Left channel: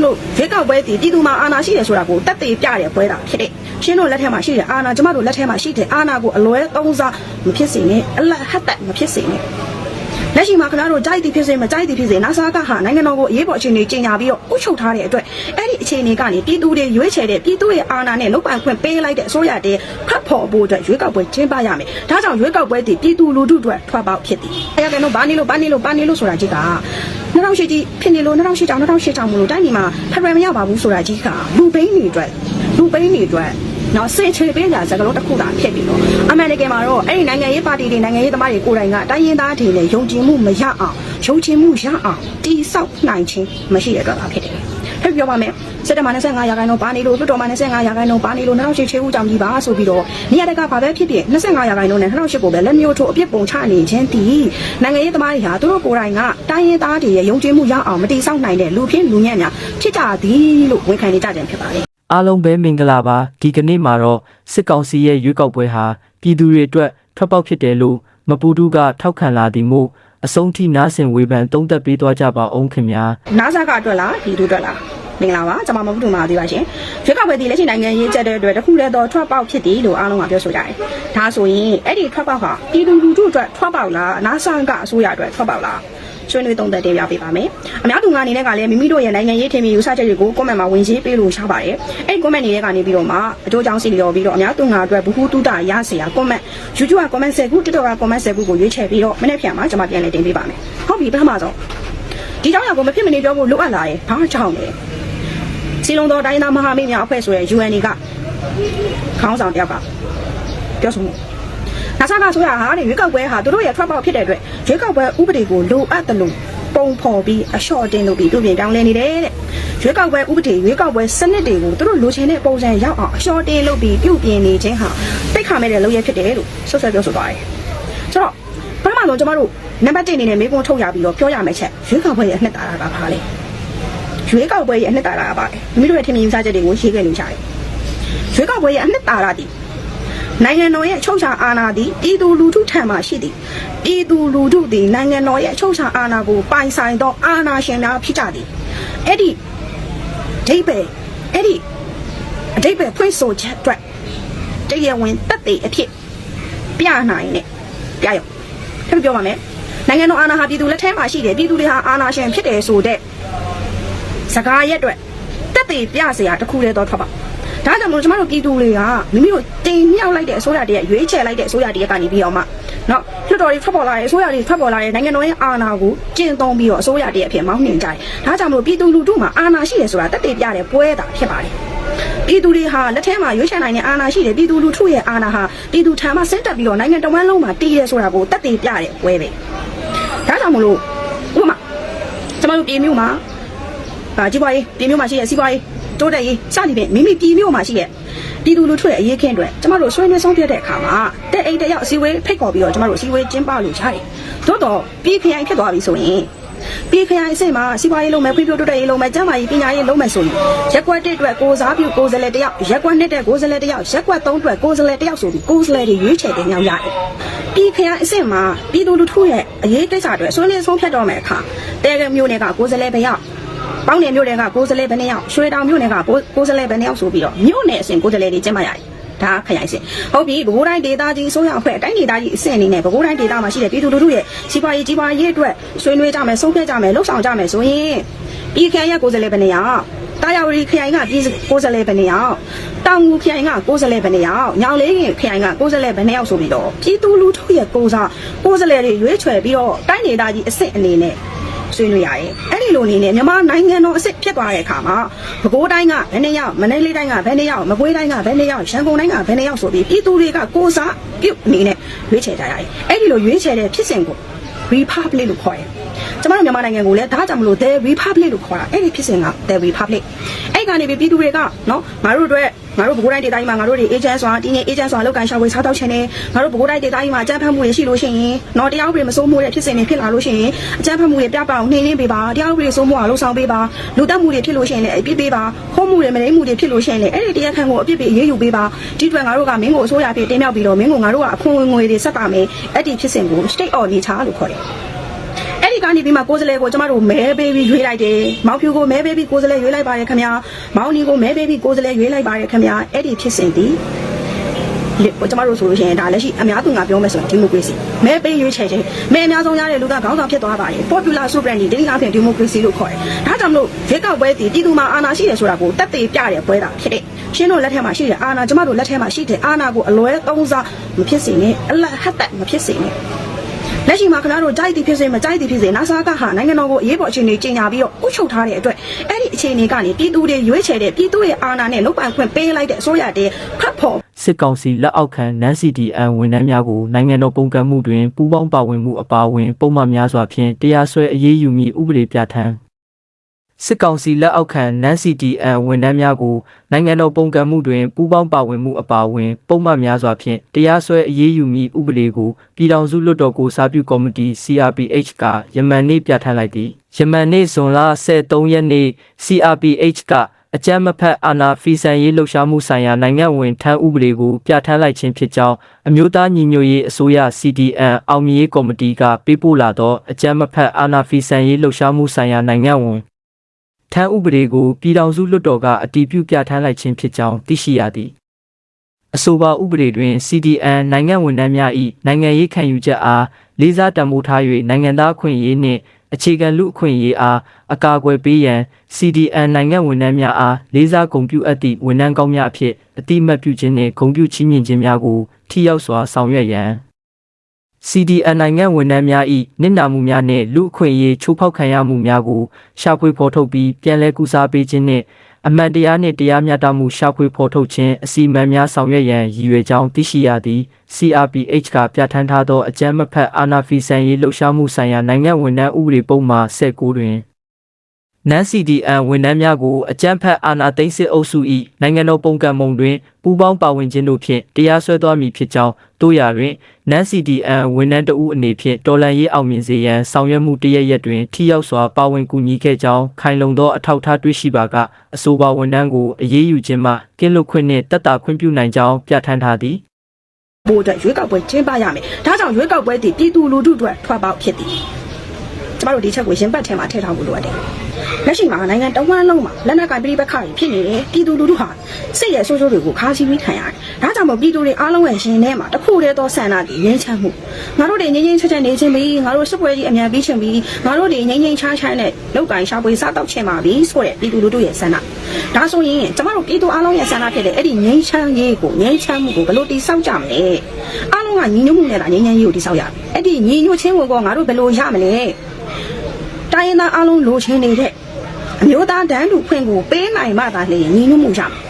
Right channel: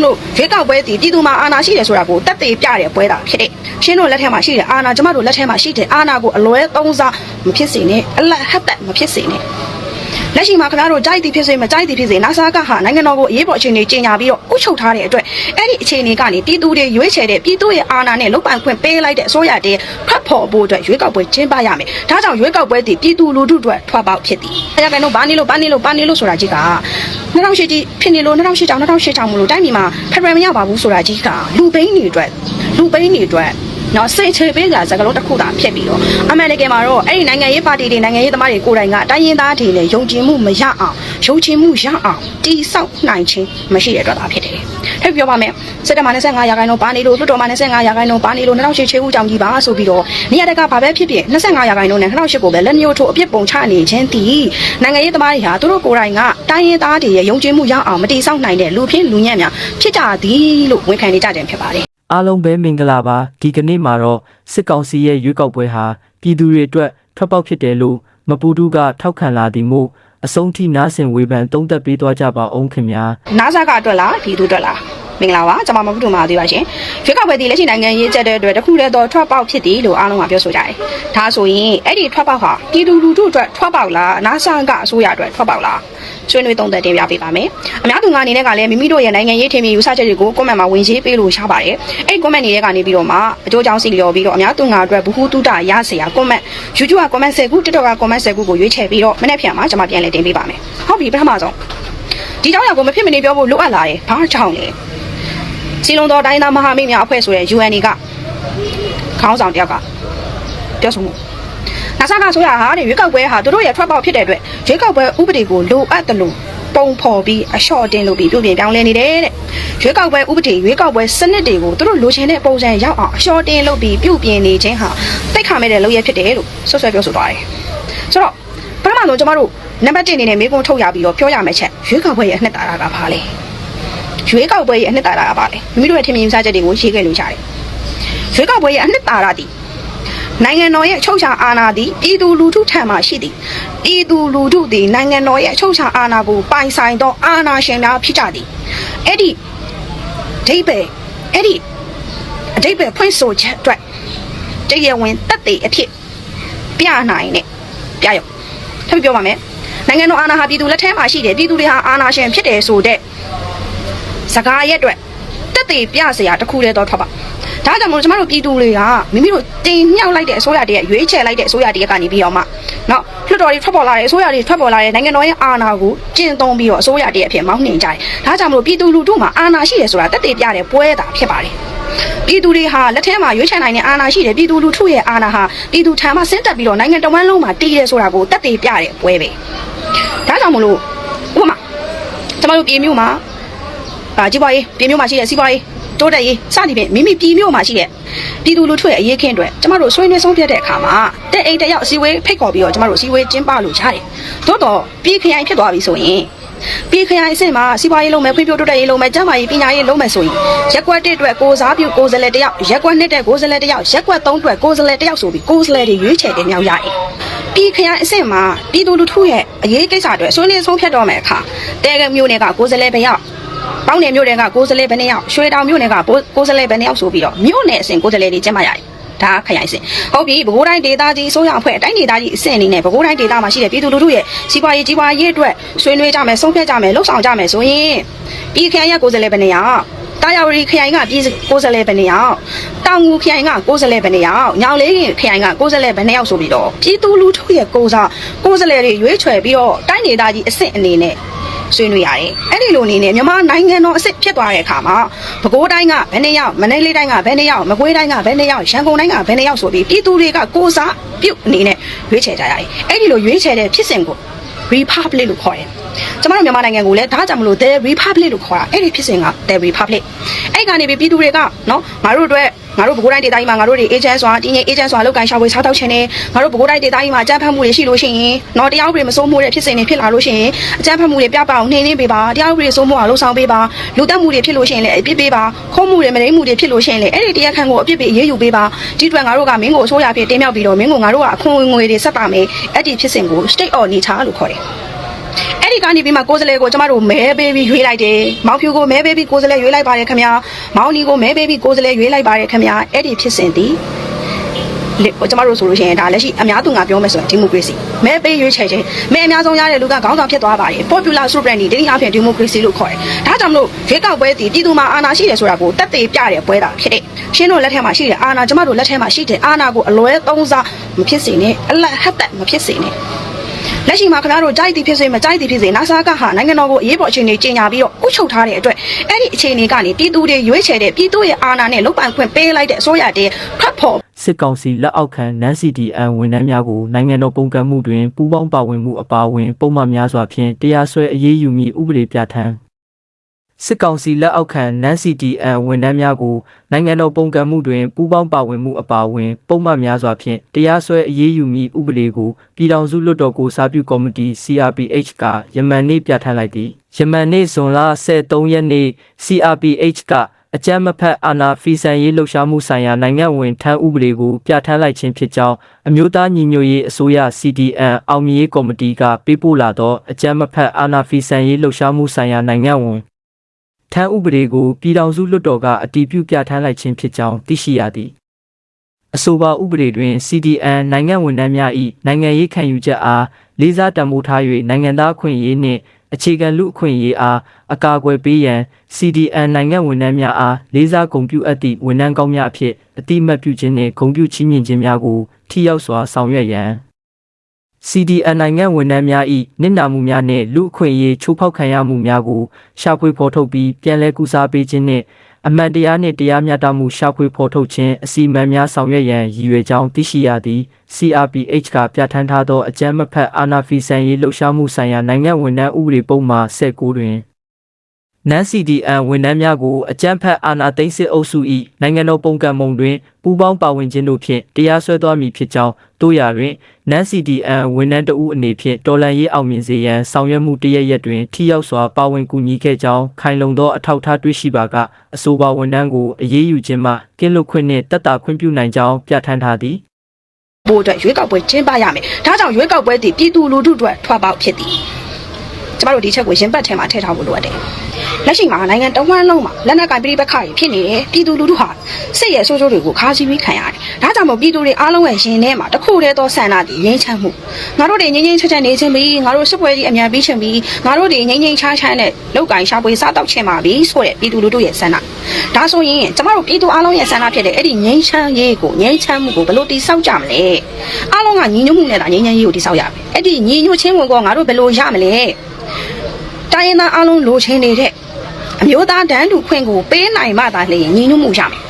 မလို့ရွေးကောက်ပွဲတည်ပြည်သူမှာအာဏာရှိတယ်ဆိုတာကိုတက်သေးပြတဲ့ပွဲတာဖြစ်တဲ့ရှင်းတို့လက်ထက်မှာရှိတဲ့အာဏာကျမတို့လက်ထက်မှာရှိတဲ့အာဏာကိုအလွဲသုံးစားမဖြစ်စေနဲ့အလတ်ဟတ်တက်မဖြစ်စေနဲ့ လက်ရှိမှာခင်ဗျားတို့ကြိုက်သည်ဖြစ်စေမကြိုက်သည်ဖြစ်စေနာဆာကဟာနိုင်ငံတော်ကိုအရေးပေါ်အခြေအနေကြီးညာပြီးတော့အုပ်ချုပ်ထားတဲ့အတွက်အဲ့ဒီအခြေအနေကနေပြည်သူတွေရွေးချယ်တဲ့ပြည်သူရဲ့အာဏာနဲ့လုတ်ပိုင်ခွင့်ပေးလိုက်တဲ့အစိုးရတဲ့ဖတ်ဖို့ဖို့အတွက်ရွေးကောက်ပွဲကျင်းပရမယ်ဒါကြောင့်ရွေးကောက်ပွဲတည်ပြည်သူလူထုအတွက်ထွက်ပေါက်ဖြစ်သည်အဲ့ဒါကတော့ဘာနေလို့ဘာနေလို့ဘာနေလို့ဆိုတာကြီးက2008ကြီးဖြစ်နေလို့2008ကြောင့်2008ကြောင့်မလို့တိုင်းပြည်မှာဖက်ဒရယ်မရပါဘူးဆိုတာကြီးကလူပိန်းတွေအတွက်လူပိန်းတွေအတွက် နော်စိတ်ချပေးတာစကားလုံးတစ်ခုသာဖြစ်ပြီးတော့အမေရိကန်မှာတော့အဲ့ဒီနိုင်ငံရေးပါတီတွေနိုင်ငံရေးသမားတွေကိုယ်တိုင်ကတိုင်းရင်းသားတွေနဲ့ယုံကြည်မှုမရအောင်ယုံကြည်မှုရအောင်တိဆောက်နိုင်ခြင်းမရှိတဲ့အတွက်သာဖြစ်တယ်။ထပ်ပြောပါမယ်။စစ်တပ်မှာ25ရာခိုင်နှုန်းပါနေလို့လွှတ်တော်မှာ25ရာခိုင်နှုန်းပါနေလို့2008ချေဦးကြောင့်ကြီးပါဆိုပြီးတော့နေရာတကာဘာပဲဖြစ်ဖြစ်25ရာခိုင်နှုန်းနဲ့2008ကိုပဲလက်မျိုးထိုးအပြစ်ပုံချနေခြင်းတည်နိုင်ငံရေးသမားတွေဟာသူတို့ကိုယ်တိုင်ကတိုင်းရင်းသားတွေရဲ့ယုံကြည်မှုရအောင်မတိဆောက်နိုင်တဲ့လူဖြစ်လူညံ့များဖြစ်ကြသည်လို့ဝန်ခံနေကြတယ်ဖြစ်ပါတယ်။ အားလုံးပဲမင်္ဂလာပါဒီကနေ့မှာတော့စစ်ကောင်စီရဲ့ရွေးကောက်ပွဲဟာပြည်သူတွေအတွက်ထွက်ပေါက်ဖြစ်တယ်လို့မပူတူးကထောက်ခံလာသည်မို့အဆုံးထိနားဆင်ဝေဖန်သုံးသပ်ပေးသွားကြပါအောင်ခင်ဗျာနားဆာကအတွက်လားဒီသူအတွက်လား မင်္ဂလာပါကျွန်မမဟုတ်တို့မှာသေးပါရှင်ရွေးကောက်ပွဲဒီလက်ရှိနိုင်ငံရေးချက်တဲ့အတွက်တစ်ခုတည်းသောထွက်ပေါက်ဖြစ်သည်လို့အားလုံးကပြောဆိုကြတယ်ဒါဆိုရင်အဲ့ဒီထွက်ပေါက်ဟာပြည်သူလူထုအတွက်ထွက်ပေါက်လားနားဆာကအစိုးရအတွက်ထွက်ပေါက်လားဆွေးနွေးသုံးသပ်တင်ပြပေးပါမယ်အများသူငါအနေနဲ့ကလည်းမိမိတို့ရဲ့နိုင်ငံရေးထင်မြင်ယူဆချက်တွေကို comment မှာဝင်ရေးပေးလို့ရပါတယ်အဲ့ comment တွေကနေပြီးတော့မှအကျိုးကြောင့်စီလျော်ပြီးတော့အများသူငါအတွက်ဘူးဟုတုတရစရာ comment YouTube က comment 10ခု TikTok က comment 10ခုကိုရွေးချယ်ပြီးတော့မနေ့ပြန်မှာကျွန်မပြန်လည်တင်ပေးပါမယ်ဟုတ်ပြီပထမဆုံးဒီကြောင့်ရကိုမဖြစ်မနေပြောဖို့လိုအပ်လာတယ်ဘာကြောင့်လဲ စီလုံးတော်တိုင်းသားမဟာမိတ်များအဖွဲ့ဆိုတဲ့ UN ကခေါင်းဆောင်တယောက်ကပြောဆိုမှုနာဆာကဆိုရဟာတဲ့ရွေးကောက်ပွဲဟာတို့ရဲ့ထွက်ပေါက်ဖြစ်တဲ့အတွက်ရွေးကောက်ပွဲဥပဒေကိုလိုအပ်တယ်လို့ပုံဖော်ပြီးအလျှော့တင်လို့ပြီးပြုပြင်ပြောင်းလဲနေတယ်တဲ့ရွေးကောက်ပွဲဥပဒေရွေးကောက်ပွဲစနစ်တွေကိုတို့လိုချင်တဲ့ပုံစံရောက်အောင်အလျှော့တင်လို့ပြီးပြုပြင်နေခြင်းဟာတိတ်ခါမဲ့တဲ့လုပ်ရဖြစ်တယ်လို့ဆွဆွဲပြောဆိုသွားတယ်ဆိုတော့ပထမဆုံးကျမတို့နံပါတ်1အနေနဲ့မေးခွန်းထုတ်ရပြီးတော့ပြောရမယ့်ချက်ရွေးကောက်ပွဲရဲ့အနှစ်သာရကဘာလဲ ရွေးကောက်ပွဲရဲ့အနှစ်သာရကပါလေလူမျိုးတို့ရဲ့ထင်မြင်ယူဆချက်တွေကိုရေးခဲ့လို့ရတယ်ရွေးကောက်ပွဲရဲ့အနှစ်သာရသည်နိုင်ငံတော်ရဲ့ချုပ်ချာအာဏာသည်ပြည်သူလူထုထံမှရှိသည်ပြည်သူလူထုသည်နိုင်ငံတော်ရဲ့ချုပ်ချာအာဏာကိုပိုင်ဆိုင်သောအာဏာရှင်များဖြစ်ကြသည်အဲ့ဒီဒိဗေအဲ့ဒီအဓိပ္ပာယ်ဖွင့်ဆိုချက်အတွက်တရားဝင်တက်တဲ့အဖြစ်ပြနိုင်တဲ့ပြရုံထပ်ပြောပါမယ်နိုင်ငံတော်အာဏာဟာပြည်သူလက်ထဲမှာရှိတယ်ပြည်သူတွေဟာအာဏာရှင်ဖြစ်တယ်ဆိုတဲ့ စကားရက်အတွက်တက်တည်ပြစရာတစ်ခုလဲတော့ထွက်ပါဒါကြောင့်မို့ကျွန်တော်တို့ပြည်သူတွေကမိမိတို့တင်မြှောက်လိုက်တဲ့အစိုးရတည်းရွေးချယ်လိုက်တဲ့အစိုးရတည်းကနေပြီးတော့မှနော်လွှတ်တော်တွေထွက်ပေါ်လာတဲ့အစိုးရတွေထွက်ပေါ်လာတဲ့နိုင်ငံတော်ရဲ့အာဏာကိုကျင့်သုံးပြီးတော့အစိုးရတည်းအဖြစ်မောင်းနှင်ကြတယ်ဒါကြောင့်မို့ပြည်သူလူထုမှာအာဏာရှိတယ်ဆိုတာတက်တည်ပြတဲ့ပွဲတာဖြစ်ပါတယ်ပြည်သူတွေဟာလက်ထဲမှာရွေးချယ်နိုင်တဲ့အာဏာရှိတယ်ပြည်သူလူထုရဲ့အာဏာဟာပြည်သူထံမှဆင်းသက်ပြီးတော့နိုင်ငံတော်မှလုံးမှာတည်တယ်ဆိုတာကိုတက်တည်ပြတဲ့ပွဲပဲဒါကြောင့်မလို့ဥပမာကျွန်တော်တို့ပြည်မျိုးမှာ အာကြည့်ပါရေးပြည်မျိုးမှာရှိတဲ့စီးပွားရေးတိုးတက်ရေးစသည်ဖြင့်မိမိပြည်မျိုးမှာရှိတဲ့ပြည်သူလူထုရဲ့အရေးခင်းတွေကျမတို့ဆွေးနွေးဆုံးဖြတ်တဲ့အခါမှာတဲ့အိမ်တစ်ယောက်အစည်းအဝေးဖိတ်ခေါ်ပြီးတော့ကျမတို့အစည်းအဝေးကျင်းပလို့ရတယ်။သို့တော့ပြည်ခရိုင်ဖြစ်သွားပြီဆိုရင်ပြည်ခရိုင်အစ်စ်မှာစီးပွားရေးလုံးမယ်ဖွံ့ဖြိုးတိုးတက်ရေးလုံးမယ်ကျန်းမာရေးပညာရေးလုံးမယ်ဆိုရင်ရက်ကွက်တစ်အတွက်ကိုစားပြုကိုယ်စားလှယ်တစ်ယောက်ရက်ကွက်နှစ်တဲ့ကိုယ်စားလှယ်တစ်ယောက်ရက်ကွက်သုံးအတွက်ကိုယ်စားလှယ်တစ်ယောက်ဆိုပြီးကိုယ်စားလှယ်တွေရွေးချယ်တင်မြှောက်ရတယ်။ပြည်ခရိုင်အစ်စ်မှာပြည်သူလူထုရဲ့အရေးကိစ္စတွေဆွေးနွေးဆုံးဖြတ်တော့မယ်အခါတဲကမျိုးတွေကကိုယ်စားလှယ်တစ်ယောက် ပေါင်းနယ်မြို့နယ်ကကိုယ်စားလှယ်ဘယ်နှစ်ယောက်ရွှေတောင်မြို့နယ်ကကိုယ်စားလှယ်ဘယ်နှစ်ယောက်ဆိုပြီးတော့မြို့နယ်အဆင့်ကိုယ်စားလှယ်တွေကျင်းပရတယ်ဒါခရိုင်အဆင့်ဟုတ်ပြီဘကိုးတိုင်းဒေသကြီးအစိုးရအဖွဲ့အတိုင်းဒေသကြီးအဆင့်အနေနဲ့ဘကိုးတိုင်းဒေသမှာရှိတဲ့ပြည်သူလူထုရဲ့စီးပွားရေးကြီးပွားရေးအတွက်ဆွေးနွေးကြမယ်ဆုံးဖြတ်ကြမယ်လှုပ်ဆောင်ကြမယ်ဆိုရင်ပြည်ခရိုင်ရဲ့ကိုယ်စားလှယ်ဘယ်နှစ်ယောက်တာယာဝတီခရိုင်ကပြည်ကိုယ်စားလှယ်ဘယ်နှစ်ယောက်တောင်ငူခရိုင်ကကိုယ်စားလှယ်ဘယ်နှစ်ယောက်ညောင်လေးခရိုင်ကကိုယ်စားလှယ်ဘယ်နှစ်ယောက်ဆိုပြီးတော့ပြည်သူလူထုရဲ့ကိုယ်စားကိုယ်စားလှယ်တွေရွေးချယ်ပြီးတော့တိုင်းဒေသကြီးအဆင့်အနေနဲ့ ဆွေးနွေးရတယ်။အဲ့ဒီလိုလေးနဲ့မြန်မာနိုင်ငံတော်အစ်စ်ဖြစ်သွားတဲ့အခါမှာပဲခူးတိုင်းကဘယ်နှစ်ယောက်မန္တလေးတိုင်းကဘယ်နှစ်ယောက်မကွေးတိုင်းကဘယ်နှစ်ယောက်ရန်ကုန်တိုင်းကဘယ်နှစ်ယောက်ဆိုပြီးပြည်သူတွေကကိုယ်စားပြုတ်အနေနဲ့ရွေးချယ်ကြရတယ်။အဲ့ဒီလိုရွေးချယ်တဲ့ဖြစ်စဉ်ကို republic လို့ခေါ်တယ်။ကျမတို့မြန်မာနိုင်ငံကိုလည်းဒါကြောင့်မလို့ the republic လို့ခေါ်တာအဲ့ဒီဖြစ်စဉ်က the republic အဲ့ကနေပြီးပြည်သူတွေကနော်ငါတို့အတွက် ငါတို့ဘကိုးတိုင်းဒေသကြီးမှာငါတို့တွေ agent ဆိုတာတင်းငယ် agent ဆိုတာလောက်ကန်ရှာဝေစားတောက်ချင်တယ်ငါတို့ဘကိုးတိုင်းဒေသကြီးမှာအကြမ်းဖက်မှုတွေရှိလို့ရှိရင်နော်တရားဥပဒေမစိုးမိုးတဲ့ဖြစ်စဉ်တွေဖြစ်လာလို့ရှိရင်အကြမ်းဖက်မှုတွေပြပအောင်နှိမ်နှင်းပေးပါတရားဥပဒေစိုးမိုးအောင်လှုပ်ဆောင်ပေးပါလူတက်မှုတွေဖြစ်လို့ရှိရင်လည်းအပြစ်ပေးပါခုံးမှုတွေမနှိမ်မှုတွေဖြစ်လို့ရှိရင်လည်းအဲ့ဒီတရားခံကိုအပြစ်ပေးအရေးယူပေးပါဒီအတွက်ငါတို့ကမင်းကိုအစိုးရဖြစ်တင်မြောက်ပြီးတော့မင်းကိုငါတို့ကအခွင့်အရေးငွေတွေဆက်ပါမယ်အဲ့ဒီဖြစ်စဉ်ကို state of nature လို့ခေါ်တယ် အဲ့ဒီကနေပြီးမှကိုယ်စလဲကိုကျမတို့မဲပေးပြီးရွေးလိုက်တယ်မောင်ဖြူကိုမဲပေးပြီးကိုယ်စလဲရွေးလိုက်ပါတယ်ခင်ဗျာမောင်နီကိုမဲပေးပြီးကိုယ်စလဲရွေးလိုက်ပါတယ်ခင်ဗျာအဲ့ဒီဖြစ်စဉ်ဒီကိုကျမတို့ဆိုလို့ရှိရင်ဒါလက်ရှိအများသူငါပြောမယ်ဆိုရင်ဒီမိုကရေစီမဲပေးရွေးချယ်ခြင်းမဲအများဆုံးရတဲ့လူကခေါင်းဆောင်ဖြစ်သွားပါတယ် popular sovereignty ဒီနေ့အပြင်ဒီမိုကရေစီလို့ခေါ်တယ်ဒါကြောင့်မလို့ရွေးကောက်ပွဲတည်ပြည်သူမှာအာဏာရှိတယ်ဆိုတာကိုတက်သေးပြတဲ့ပွဲတာဖြစ်တဲ့ရှင်းတို့လက်ထက်မှာရှိတဲ့အာဏာကျမတို့လက်ထက်မှာရှိတဲ့အာဏာကိုအလွဲသုံးစားမဖြစ်စေနဲ့အလတ်ဟတ်သက်မဖြစ်စေနဲ့ လက်ရှိမှာခင်ဗျားတို့ကြိုက်သည်ဖြစ်စေမကြိုက်သည်ဖြစ်စေနာဆာကဟာနိုင်ငံတော်ကိုအရေးပေါ်အခြေအနေကြီးညာပြီးတော့ဥချုပ်ထားတဲ့အတွက်အဲ့ဒီအခြေအနေကနေပြည်သူတွေရွေးချယ်တဲ့ပြည်သူရဲ့အာဏာနဲ့လုတ်ပိုင်ခွင့်ပေးလိုက်တဲ့အစိုးရတဲ့ထွက်ဖို့စစ်ကောင်စီလက်အောက်ခံနန်း CDN ဝန်ထမ်းများကိုနိုင်ငံတော်ပုံကန့်မှုတွင်ပူးပေါင်းပါဝင်မှုအပါအဝင် ပုံမှန်များစွာဖြင့်တရားစွဲအရေးယူမည့်ဥပဒေပြဋ္ဌာန်း စစ်ကောင်စီလက်အောက်ခံနန်း CDN ဝန်ထမ်းများကိုနိုင်ငံတော်ပုံကန့်မှုတွင်ပူးပေါင်းပါဝင်မှုအပါအဝင် ပုံမှန်များစွာဖြင့်တရားစွဲအရေးယူမည့်ဥပဒေကိုပြည်ထောင်စုလွှတ်တော်ကိုစာပြုကော်မတီ CRPH ကယမန်နေ့ပြဋ္ဌာန်းလိုက်သည်ယမန်နေ့ဇွန်လ23ရက်နေ့ CRPH ကအကြမ်းမဖက်အာဏာဖီဆန်ရေးလှုပ်ရှားမှုဆိုင်ရာနိုင်ငံဝင်ထမ်းဥပဒေကိုပြဋ္ဌာန်းလိုက်ခြင်းဖြစ်ကြောင်းအမျိုးသားညီညွတ်ရေးအစိုးရ CDN အောင်မြင်ရေးကော်မတီကပေးပို့လာသောအကြမ်းမဖက်အာဏာဖီဆန်ရေးလှုပ်ရှားမှုဆိုင်ရာနိုင်ငံဝင် ထမ်းဥပဒေကိုပြည်ထောင်စုလွှတ်တော်ကအတည်ပြုပြဋ္ဌာန်းလိုက်ခြင်းဖြစ်ကြောင်းသိရှိရသည်အဆိုပါဥပဒေတွင် CDN နိုင်ငံဝန်ထမ်းများ၏နိုင်ငံရေးခံယူချက်အားလေးစားတံမိုးထား၍နိုင်ငံသားအခွင့်အရေးနှင့်အခြေခံလူအခွင့်အရေးအားအကာအကွယ်ပေးရန် CDN နိုင်ငံဝန်ထမ်းများအားလေးစားဂုဏ်ပြုအပ်သည့်ဝန်ထမ်းကောင်းများအဖြစ်အတိအမှတ်ပြုခြင်းနှင့်ဂုဏ်ပြုချီးမြှင့်ခြင်းများကိုထိရောက်စွာဆောင်ရွက်ရန် CDN နိုင်ငံဝန်ထမ်းများ၏နစ်နာမှုများနှင့်လူအခွင့်အရေးချိုးဖောက်ခံရမှုများကိုရှာဖွေဖော်ထုတ်ပြီးပြန်လည်ကူစားပေးခြင်းနှင့်အမှန်တရားနှင့်တရားမျှတမှုရှာဖွေဖော်ထုတ်ခြင်းအစီအမံများဆောင်ရွက်ရန်ရည်ရွယ်ကြောင်းသိရှိရသည် CRPH ကပြဋ္ဌာန်းထားသောအကြမ်းမဖက်အာဏာဖီဆန်ရေးလှုပ်ရှားမှုဆိုင်ရာနိုင်ငံဝန်ထမ်းဥပဒေပုံမှာ19တွင် နန် CDN ဝန်ထမ်းများကိုအကြမ်းဖက်အာဏာသိမ်းစစ်အုပ်စု၏နိုင်ငံတော်ပုံကံမုံတွင်ပူးပေါင်းပါဝင်ခြင်းတို့ဖြင့်တရားစွဲသွားမည်ဖြစ်ကြောင်းတို့ရာတွင်နန် CDN ဝန်ထမ်းတဦးအနေဖြင့်တော်လှန်ရေးအောင်မြင်စေရန်ဆောင်ရွက်မှုတရရက်တွင်ထိရောက်စွာပါဝင်ကူညီခဲ့ကြောင်းခိုင်လုံသောအထောက်အထားတွေ့ရှိပါကအဆိုပါဝန်ထမ်းကိုအရေးယူခြင်းမှကင်းလွတ်ခွင့်နှင့်တက်တာခွင့်ပြုနိုင်ကြောင်းပြဋ္ဌာန်းထားသည်ပို့အတွက်ရွေးကောက်ပွဲကျင်းပရမယ်ဒါကြောင့်ရွေးကောက်ပွဲတည်ပြည်သူလူထုအတွက်ထွက်ပေါက်ဖြစ်သည်ကျ မတို့ဒီချက်ကိုရင်ပတ်ထဲမှာထည့်ထားဖို့လိုအပ်တယ်လက်ရှိမှာနိုင်ငံတော်ဝန်လုံးမှာလက်နက်ကင်ပြိပခါကြီးဖြစ်နေတယ်ပြည်သူလူထုဟာစစ်ရဲ့ဆိုးဆိုးတွေကိုခါစီပြီးခံရတယ်ဒါကြောင့်မို့ပြည်သူတွေအားလုံးရဲ့ရင်ထဲမှာတစ်ခုတည်းသောဆန္ဒတည်ငြိမ်းချမ်းမှုငါတို့တွေငြိမ်းငြိမ်းချမ်းချမ်းနေခြင်းပြီးငါတို့စစ်ပွဲကြီးအမြန်ပြီးချင်ပြီးငါတို့တွေငြိမ်းငြိမ်းချမ်းချမ်းနဲ့လောက်ကင်ရှာပွေစားတော့ချင်ပါပြီဆိုတဲ့ပြည်သူလူထုရဲ့ဆန္ဒဒါဆိုရင်ကျမတို့ပြည်သူအားလုံးရဲ့ဆန္ဒဖြစ်တဲ့အဲ့ဒီငြိမ်းချမ်းရေးကိုငြိမ်းချမ်းမှုကိုဘယ်လိုတည်ဆောက်ကြမလဲအားလုံးကညီညွတ်မှုနဲ့ဒါငြိမ်းချမ်းရေးကိုတည်ဆောက်ရမယ်အဲ့ဒီညီညွတ်ခြင်းကိုငါတို့ဘယ်လိုရမလဲ တိုင်းရင်းသားအားလုံးလိုချင်နေတဲ့အမျိုးသားတန်းတူခွင့်ကိုပေးနိုင်မှသာလေညီညွတ်မှုရမယ်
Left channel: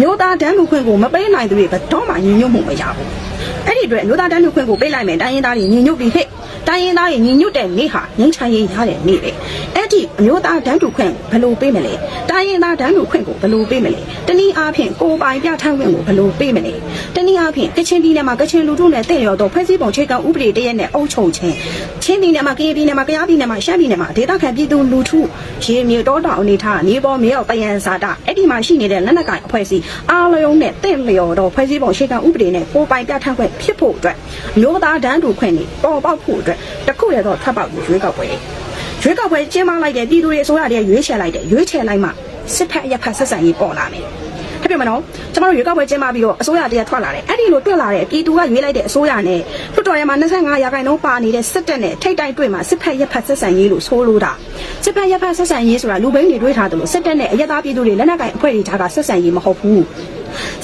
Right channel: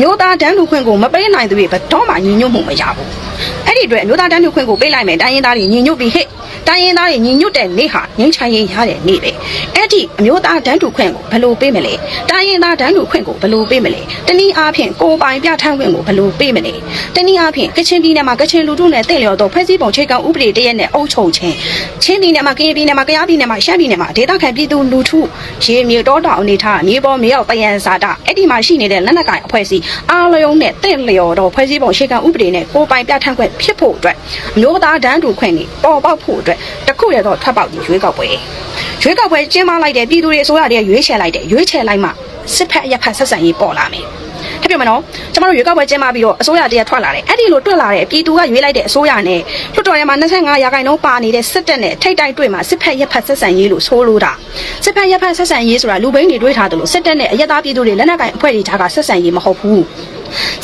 မျိုးသားတန်းတူခွင့်ကိုမပေးနိုင်တဲ့ဘယ်တော့မှညီညွတ်မှုမရဘူးအဲ့ဒီအတွက်မျိုးသားတန်းတူခွင့်ကိုပေးလိုက်မယ်တိုင်းရင်းသားတွေညီညွတ်ပြီးဟဲ့ တိုင်းရင်းသားတွေညီညွတ်တဲ့နေ့ဟာငင်းချမ်းရေးရတဲ့နေ့ပဲအဲ့ဒီအမျိုးသားတန်းတူခွင့်ကိုဘယ်လိုပေးမလဲတိုင်းရင်းသားတန်းတူခွင့်ကိုဘယ်လိုပေးမလဲတနည်းအားဖြင့်ကိုယ်ပိုင်ပြဋ္ဌာန်းခွင့်ကိုဘယ်လိုပေးမလဲတနည်းအားဖြင့်ကချင်ပြည်နယ်မှာကချင်လူထုနဲ့တင့်လျော်သောဖွဲ့စည်းပုံခြေကံဥပဒေတရက်နဲ့အုပ်ချုပ်ခြင်းချင်းပြည်နယ်မှာကရင်ပြည်နယ်မှာကယားပြည်နယ်မှာရှမ်းပြည်နယ်မှာဒေသခံပြည်သူလူထုရေမြေတောတောင်အနေထားမြေပေါ်မြေရောက်တယံဇာတာအဲ့ဒီမှာရှိနေတဲ့လက်နက်ကိုင်အဖွဲ့အစည်းအားလုံးနဲ့တင့်လျော်သောဖွဲ့စည်းပုံခြေကံဥပဒေနဲ့ကိုယ်ပိုင်ပြဋ္ဌာန်းခွင့်ဖြစ်ဖို့အတွက်မျိုးသားတန်းတူခွင့်တွေပေါ်ပေါက်ဖို့အတွက်တခုရတော့ထွက်ပေါက်ဒီရွေးကောက်ပွဲရွေးကောက်ပွဲကျင်းပလိုက်တဲ့ပြည်သူတွေအစိုးရတွေရွေးချယ်လိုက်တဲ့ရွေးချယ်လိုက်မှစစ်ဖက်ရက်ဖက်ဆက်ဆံရေးပေါ်လာမယ်ဟုတ်ပြီမနော်ကျမတို့ရွေးကောက်ပွဲကျင်းပပြီးတော့အစိုးရတရက်ထွက်လာတယ်အဲ့ဒီလိုထွက်လာတဲ့ပြည်သူကရွေးလိုက်တဲ့အစိုးရနဲ့လွှတ်တော်ထဲမှာ25ရာခိုင်နှုန်းပါနေတဲ့စစ်တပ်နဲ့ထိတ်တိုက်တွေ့မှာစစ်ဖက်ရက်ဖက်ဆက်ဆံရေးလို့ဆိုလိုတာစစ်ဖက်ရက်ဖက်ဆက်ဆံရေးဆိုတာလူဘိန်းတွေတွေးထားတယ်လို့စစ်တပ်နဲ့အရက်သားပြည်သူတွေလက်နက်ကင်အဖွဲ့တွေကြားကဆက်ဆံရေးမဟုတ်ဘူး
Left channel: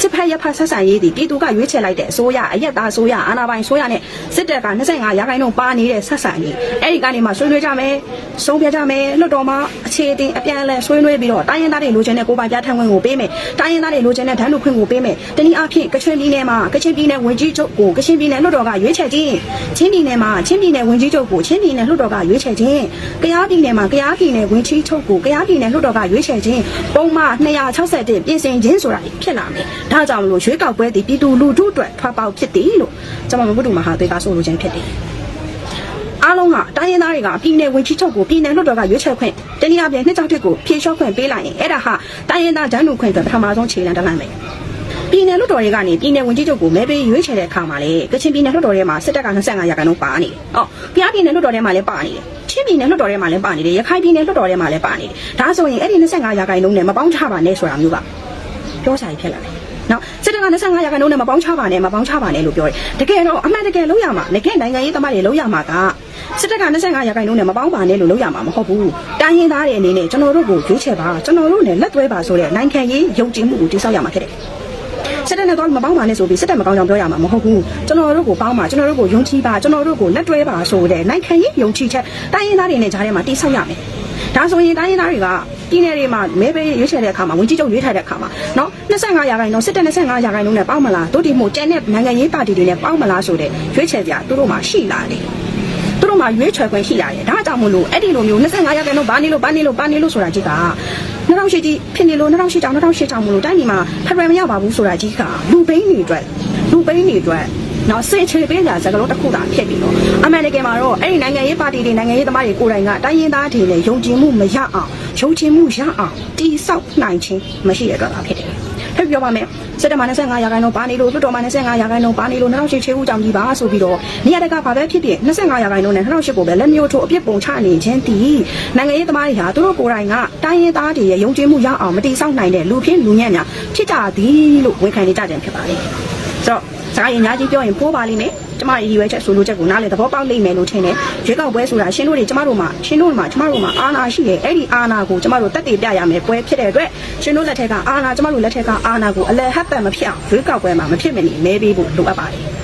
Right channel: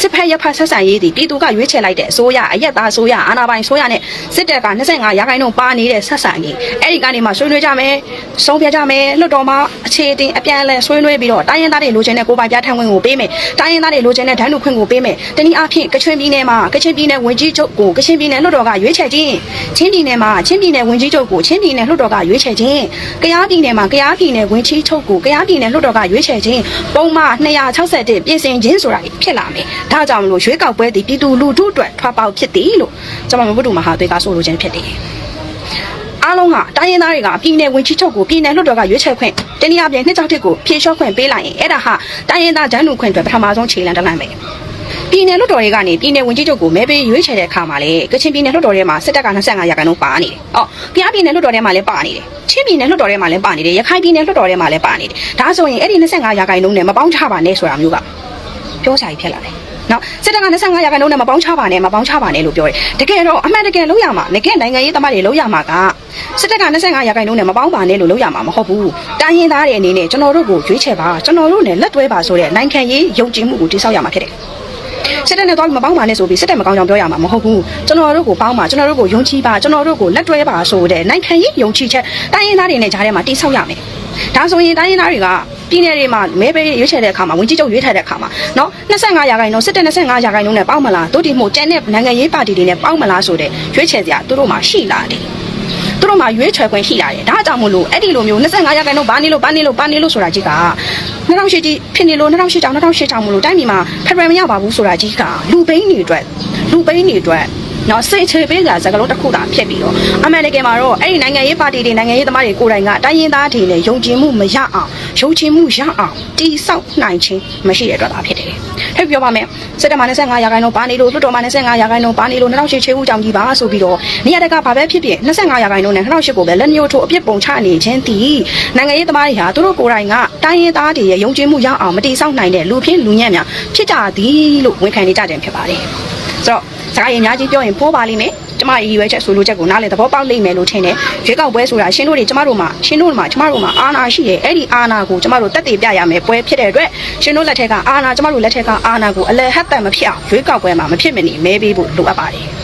စစ်ဖက်ရက်ဖက်ဆက်ဆံရေးဒီပြည်သူကရွေးချယ်လိုက်တဲ့အစိုးရအရက်သားအစိုးရအာဏာပိုင်အစိုးရနဲ့စစ်တပ်က25ရာခိုင်နှုန်းပါနေတဲ့ဆက်ဆံရေးအဲ့ဒီကနေမှဆွေးနွေးကြမယ်စောင့်ပြကြမယ်လွှတ်တော်မှာအခြေအတင်အပြန်အလှန်ဆွေးနွေးပြီးတော့တိုင်းရင်းသားတွေလိုချင်တဲ့ကိုယ်ပိုင်ပြဋ္ဌာန်းခွင့်ကိုပေးမယ်တိုင်းရင်းသားတွေလိုချင်တဲ့ဒဏ်လူခွင့်ကိုပေးမယ်တနည်းအားဖြင့်ကချင်ပြည်နယ်မှာကချင်ပြည်နယ်ဝင်ကြီးချုပ်ကိုကချင်ပြည်နယ်လွှတ်တော်ကရွေးချယ်ခြင်းချင်းပြည်နယ်မှာချင်းပြည်နယ်ဝင်ကြီးချုပ်ကိုချင်းပြည်နယ်လွှတ်တော်ကရွေးချယ်ခြင်းကယားပြည်နယ်မှာကယားပြည်နယ်ဝင်ကြီးချုပ်ကိုကယားပြည်နယ်လွှတ်တော်ကရွေးချယ်ခြင်းပုံမှန်261ပြင်ဆင်ခြင်းဆိုတာဖြစ်လာမယ်ဒါကြောင့်မလို့ရွေးကောက်ပွဲတည်ပြည်သူလူထုအတွက်ထွားပေါက်ဖြစ်သည်လို့ကျွန်တော်မဘုဒ္ဓမဟာသွေးကဆိုလိုခြင်းဖြစ်တယ်အားလုံးကတိုင်းရင်းသားတွေကပြည်နယ်ဝင်ကြီးချုပ်ကိုပြည်နယ်လွှတ်တော်ကရွေးချယ်ခွင့်တနည်းအားဖြင့်နှစ်ချောက်တစ်ကိုဖြေလျှော့ခွင့်ပေးလိုက်ရင်အဲ့ဒါဟာတိုင်းရင်းသားဒန်းလူခွင့်အတွက်ပထမဆုံးခြေလှမ်းတစ်မှန်ပဲပြည်နယ်လွှတ်တော်တွေကနေပြည်နယ်ဝင်ကြီးချုပ်ကိုမဲပေးရွေးချယ်တဲ့အခါမှာလေကချင်ပြည်နယ်လွှတ်တော်ထဲမှာစစ်တပ်က25ရာခိုင်နှုန်းပါနေတယ်။ဟောပြည်ပြည်နယ်လွှတ်တော်ထဲမှာလည်းပါနေတယ်။ချင်းပြည်နယ်လွှတ်တော်ထဲမှာလည်းပါနေတယ်။ရခိုင်ပြည်နယ်လွှတ်တော်ထဲမှာလည်းပါနေတယ်။ဒါဆိုရင်အဲ့ဒီ25ရာခိုင်နှုန်းနဲ့မပေါင်းချပါနဲ့ဆိုတာမျိုးက ပြောစာကြီးဖြစ်လာတယ်။နော်စစ်တပ်က25ရာခိုင်နှုန်းနဲ့မပေါင်းချပါနဲ့မပေါင်းချပါနဲ့လို့ပြောတယ်။တကယ်တော့အမှန်တကယ်လို့ရမှာငကဲနိုင်ငံရေးသမားတွေလို့ရမှာကစစ်တပ်က25ရာခိုင်နှုန်းနဲ့မပေါင်းပါနဲ့လို့လို့ရမှာမဟုတ်ဘူး။တိုင်းရင်းသားတွေအနေနဲ့ကျွန်တော်တို့ကိုရွေးချယ်ပါကျွန်တော်တို့နဲ့လက်တွဲပါဆိုတဲ့နိုင်ငံရေးယုံကြည်မှုကိုတိစောက်ရမှာဖြစ်တယ်။ စစ်တပ်နဲ့တော့မပေါင်းပါနဲ့ဆိုပြီးစစ်တပ်မကောင်းကြောင်ပြောရမှာမဟုတ်ဘူးကျွန်တော်တို့ကိုပေါင်းပါကျွန်တော်တို့ကိုယုံကြည်ပါကျွန်တော်တို့ကိုလက်တွဲပါဆိုတဲ့နိုင်ငံရေးယုံကြည်ချက်တိုင်းရင်းသားတွေနဲ့ကြားထဲမှာတိဆောက်ရမယ်ဒါဆိုရင်တိုင်းရင်းသားတွေကပြည်နယ်တွေမှာမဲပေးရွေးချယ်တဲ့အခါမှာဝင်ကြီးချုပ်ရွေးထည့်တဲ့အခါမှာနော်25ရာခိုင်နှုန်းစစ်တပ်25ရာခိုင်နှုန်းနဲ့ပေါင်းမလားတို့ဒီမို့ကျန်တဲ့နိုင်ငံရေးပါတီတွေနဲ့ပေါင်းမလားဆိုတဲ့ရွေးချယ်စရာတို့တို့မှာရှိလာတယ်သူ တို့မှာရွေးချယ်ခွင့်ရှိလာတယ်ဒါကြောင့်မို့လို့အဲ့ဒီလိုမျိုး25ရာခိုင်နှုန်းဘာနေလို့ဘာနေလို့ဘာနေလို့ဆိုတာကြီးက2008ကြီးဖြစ်နေလို့2008တောင်2008တောင်မို့လို့တိုင်းပြည်မှာဖက်ဒရယ်မရောက်ပါဘူးဆိုတာကြီးကလူပိန်းတွေအတွက်လူပိန်းတွေအတွက် နော်စိတ်ချပေးကစကလုံးတစ်ခုသာဖြစ်ပြီးတော့အမှန်တကယ်မှာတော့အဲ့ဒီနိုင်ငံရေးပါတီတွေနိုင်ငံရေးသမားတွေကိုယ်တိုင်ကတိုင်းရင်းသားတွေနဲ့ယုံကြည်မှုမရအောင်ယုံကြည်မှုရအောင်တိဆောက်နိုင်ခြင်းမရှိတဲ့အတွက်သာဖြစ်တယ်။ဟဲ့ပြောပါမယ်စက်တဘာ25ရာခိုင်နှုန်းပါနေလို့လွတ်တော်မှာ25ရာခိုင်နှုန်းပါနေလို့2008ချေဦးကြောင့်ဒီပါဆိုပြီးတော့နေရာတကာဘာပဲဖြစ်ဖြစ်25ရာခိုင်နှုန်းနဲ့2008ကိုပဲလက်မျိုးထုအပြစ်ပုံချနေခြင်းဒီနိုင်ငံရေးသမားတွေဟာသူတို့ကိုယ်တိုင်ကတိုင်းရင်းသားတွေရဲ့ယုံကြည်မှုရအောင်မတိဆောက်နိုင်တဲ့လူဖြစ်လူညံ့များဖြစ်ကြသည်လို့ဝန်ခံနေကြတယ်ဖြစ်ပါတယ်။ဆိုတော့ စာရေးအများကြီးပြောရင်ဖိုးပါလိမ့်မယ်။ကျမရဲ့ရည်ရွယ်ချက်ဆိုလိုချက်ကိုနားလည်သဘောပေါက်လိမ့်မယ်လို့ထင်တယ်။ရွေးကောက်ပွဲဆိုတာရှင်းတို့တွေကျမတို့မှာရှင်းတို့မှာကျမတို့မှာအာဏာရှိတယ်။အဲ့ဒီအာဏာကိုကျမတို့တက်တည်ပြရမယ်ပွဲဖြစ်တဲ့အတွက်ရှင်းတို့လက်ထက်ကအာဏာကျမတို့လက်ထက်ကအာဏာကိုအလယ်ဟတ်တန်မဖြစ်အောင်ရွေးကောက်ပွဲမှာမဖြစ်မနေမဲပေးဖို့လိုအပ်ပါတယ်။